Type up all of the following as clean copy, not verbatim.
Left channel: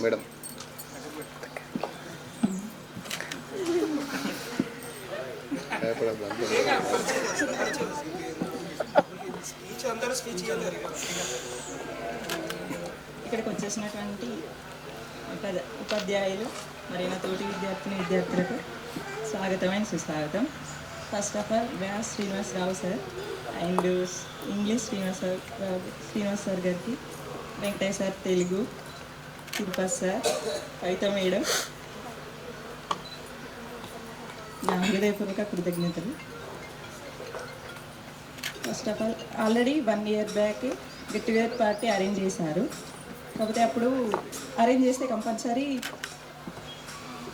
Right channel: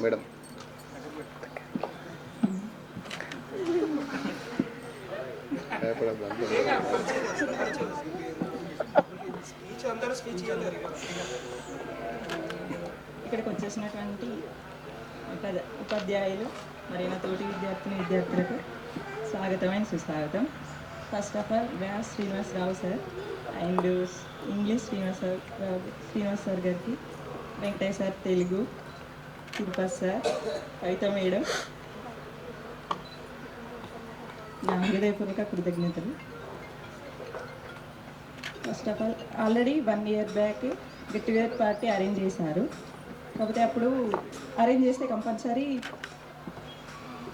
Madam ఇక్కడికి వచ్చేసినటువంటి ఉపాధ్యాయులు మరియు నా తోటి విద్యార్థులకు స్వాగతమైన సుస్వాగతం. First of all Vyas Srinivasarao sir and English Srinivas sir గారికి, Venkatesh sir Telugu, Tirupati sir, Kavitha madam, నా హృదయపూర్వక కృతజ్ఞతలు. First of all already 1 year back get together party arrange చేశారు. కాకపోతే అప్పుడు అరేంజ్ చేస్తే కంపల్సరీ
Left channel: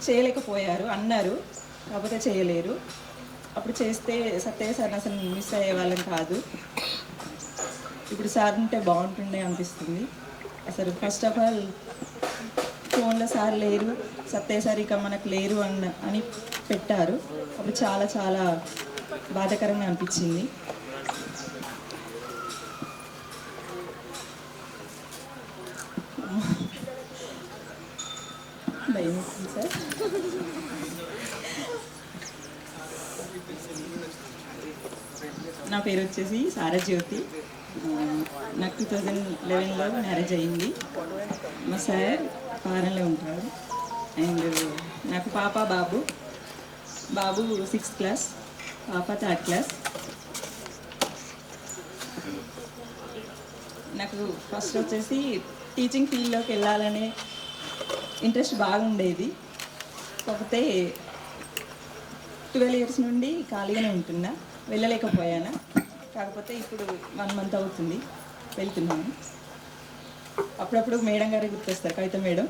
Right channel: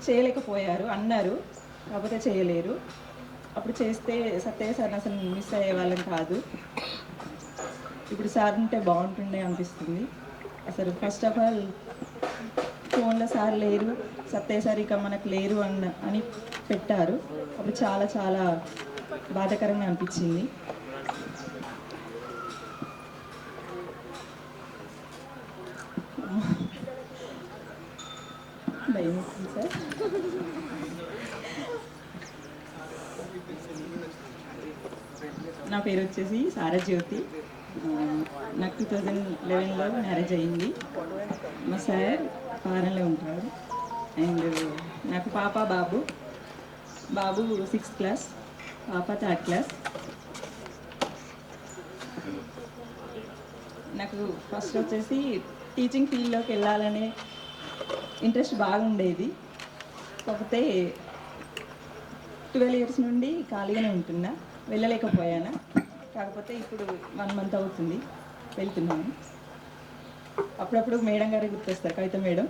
చేయలేకపోయారు అన్నారు, కాకపోతే చేయలేరు. అప్పుడు చేస్తే సత్య సార్ అసలు మిస్ అయ్యే వాళ్ళం కాదు. ఇప్పుడు సార్ ఉంటే బాగుంటుండే అనిపిస్తుంది. అసలు ఫస్ట్ ఆఫ్ ఆల్ ఫోన్లో సార్ లేరు, సత్య సార్ ఇక మనకు లేరు అని పెట్టారు. అప్పుడు చాలా చాలా బాధాకరంగా అనిపించింది. సార్ నా పేరు వచ్చేసి సారజ్యోతి. నాకు 2011లో మ్యారేజ్ అయింది. మా సార్ ఫారెన్లో ఉంటాడు. అండ్ నాకు పాప బాబు 6th క్లాస్, పాప 3rd క్లాస్. నాకు ఫస్ట్ వచ్చేసి టీచింగ్ ఫీల్డ్లోకి వెళ్ళాలనే ఇంట్రెస్ట్ బాగుండేది. కాకపోతే 12 years నుండి ఖాళీగానే ఉంటున్నా, వెళ్ళలేకపోయాను. కాకపోతే ఇప్పుడు 1 month అవుతుంది వెళ్తున్నాను. అప్పుడప్పుడు మేడం గారే గుర్తొస్తారు, కవిత మేడం.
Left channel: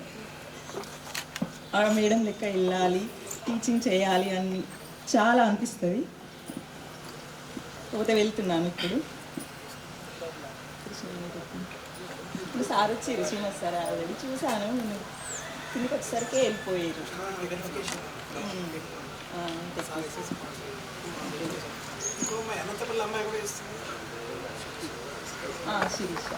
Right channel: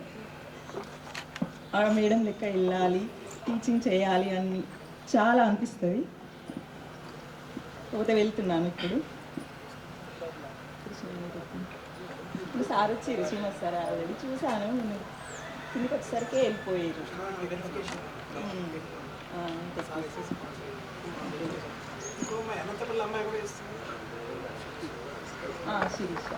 ఆ మేడం లెక్క వెళ్ళాలి, టీచింగ్ చేయాలి అని చాలా అనిపిస్తుంది. కాకపోతే వెళ్తున్నాను. ఇప్పుడు సార్ వచ్చారు, శ్రీనివాస్ సార్ ఆల్రెడీ చూశాను. నేను కిందకి వచ్చేసరికి వెళ్ళిపోయారు. శిరీష